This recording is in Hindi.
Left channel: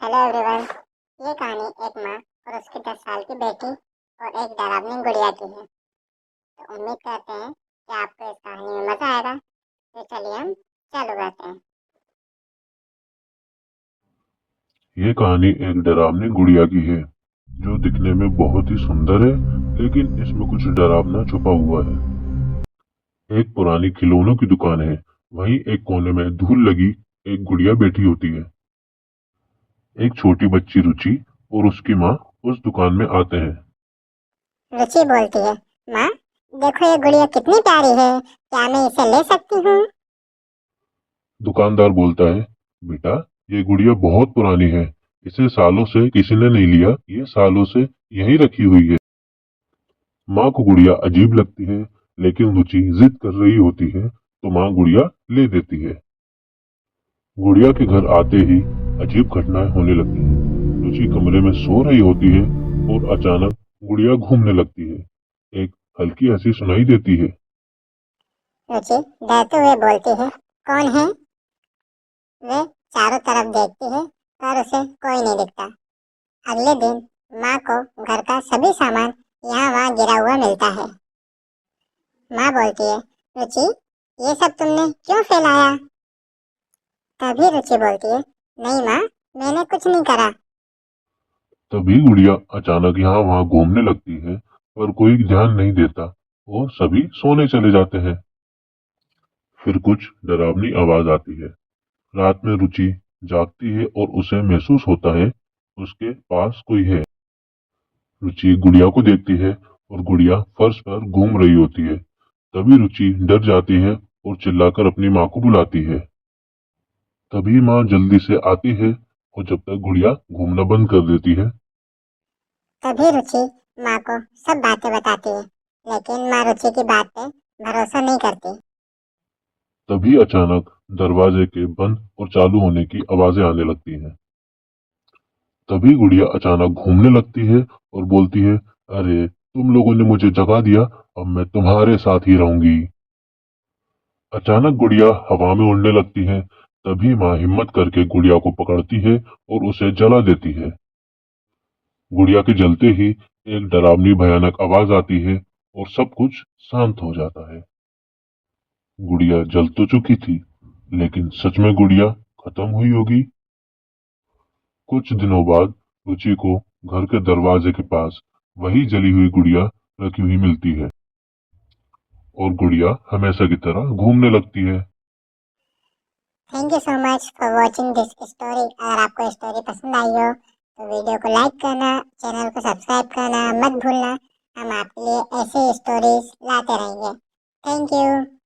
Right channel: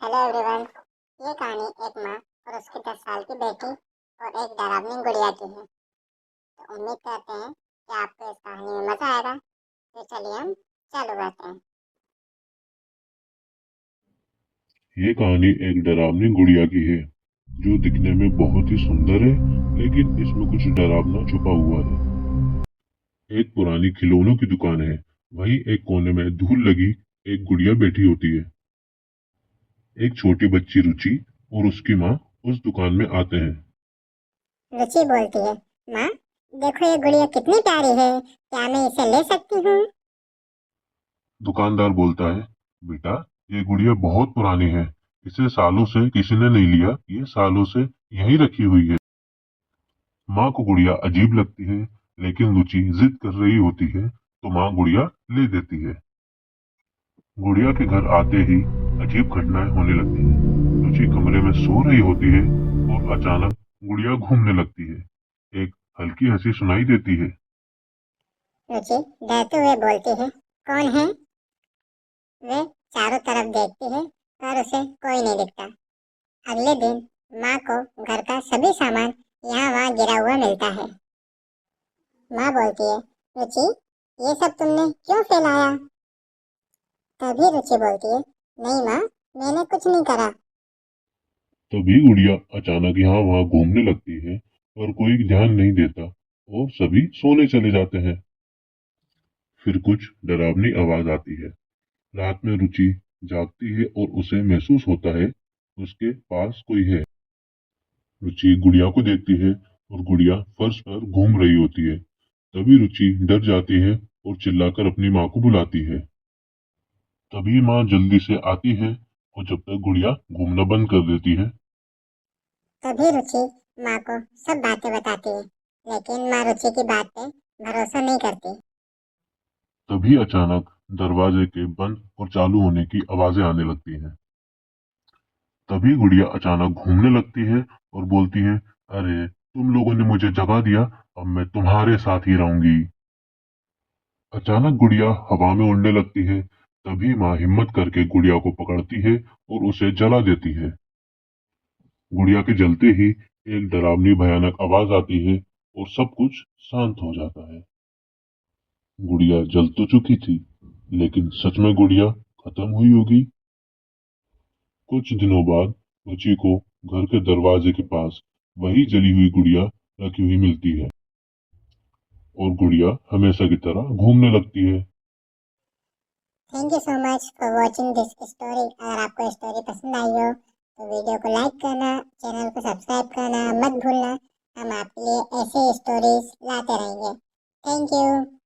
Hello everyone. ये कहानी एक माँ और उसकी 10 साल की बेटी और एक डरावनी गुड़िया की है। तो उम्मीद करते हैं कि आपको इस कहानी में मजा आएगा। तो चलिए हम चालू करते हैं। ये कहानी एक डरावनी गुड़िया की है जो दिखने में बहुत ही सुंदर है, लेकिन इसमें कुछ डरावना छुपा हुआ है। एक पुरानी खिलौनों की दुकान है। वहीं एक कोने में धूल लगी एक गुड़िया बैठी होती है। एक छोटी बच्ची रुचि और उसकी माँ उस दुकान में आते हैं। रुचि बोलती है, माँ देखो ये गुड़िया कितनी प्यारी है, क्या मैं इसे ले सकती हूँ? दुकानदार बोलता है, बेटा ये गुड़िया बहुत पुरानी है, इसे सालों से किसी ने नहीं लिया, ये सालों से यहीं रखी हुई है। माँ को गुड़िया अजीब लगती है, लेकिन रुचि जिद कर रही होती है तो माँ गुड़िया ले देती है। गुड़िया के घर आते ही अजीब घटनाएं होने लगती हैं। रुचि कमरे में सो रही होती है और अचानक गुड़िया घूमने लगती है। एक हल्की हंसी सुनाई देती है। रुचि डरते हुए बोलती है, कौन है? वे चारों तरफ देखती है पर उसे कोई नहीं दिखता। अगले दिन माँ को घर का सभी सामान यहाँ वहाँ गिरा हुआ मिलता है। माँ बोलती है, रुचि ये सब तुमने क्यों फैलाया? तभी रुचि बोलती है, नहीं माँ, मैंने कुछ नहीं करा। तभी गुड़िया अचानक यहाँ वहाँ घूमने लगती है, पर कोई ध्यान नहीं देता और सभी सोने चले जाते हैं। फिर कुछ डरावनी आवाज आती है। रात में रुचि जागती है और उसे महसूस होता है उसके पास कोई है। रुचि गुड़िया को देखती है और गुड़िया फर्श पर घूम रही होती है। तभी रुचि डर जाती है और चिल्लाकर अपनी माँ को बुलाती है। तभी माँ जल्दी से आती है और जब तक गुड़िया घूमना बंद कर देती है। तभी रुचि माँ को सब बातें बताती है, लेकिन माँ रुचि की बात पे भरोसा नहीं करती। तभी अचानक दरवाजे के बंद और चालू होने की आवाजें आने लगती हैं। तभी गुड़िया अचानक घूमने लगती है और बोलती है, अरे तुम लोगों ने मुझे जगा दिया, अब मैं तुम्हारे साथ ही रहूंगी। अचानक गुड़िया हवा में उड़ने लगती है। तभी माँ हिम्मत करके गुड़िया को पकड़ती है और उसे जला देती है। गुड़िया के जलते ही एक डरावनी भयानक आवाज आती है और सब कुछ शांत हो जाता है। गुड़िया जल तो चुकी थी, लेकिन सच में गुड़िया खत्म हुई होगी। कुछ दिनों बाद रुचि को घर के दरवाजे के पास वही जली हुई गुड़िया रखी हुई मिलती है और गुड़िया हमेशा की तरह घूमने लगती है। Thank you so much for watching this story. अगर आपको स्टोरी पसंद आई हो तो वीडियो को लाइक करना, चैनल को सब्सक्राइब करना मत भूलना। हम आपके लिए ऐसी स्टोरीज लाते रहेंगे। Thank you.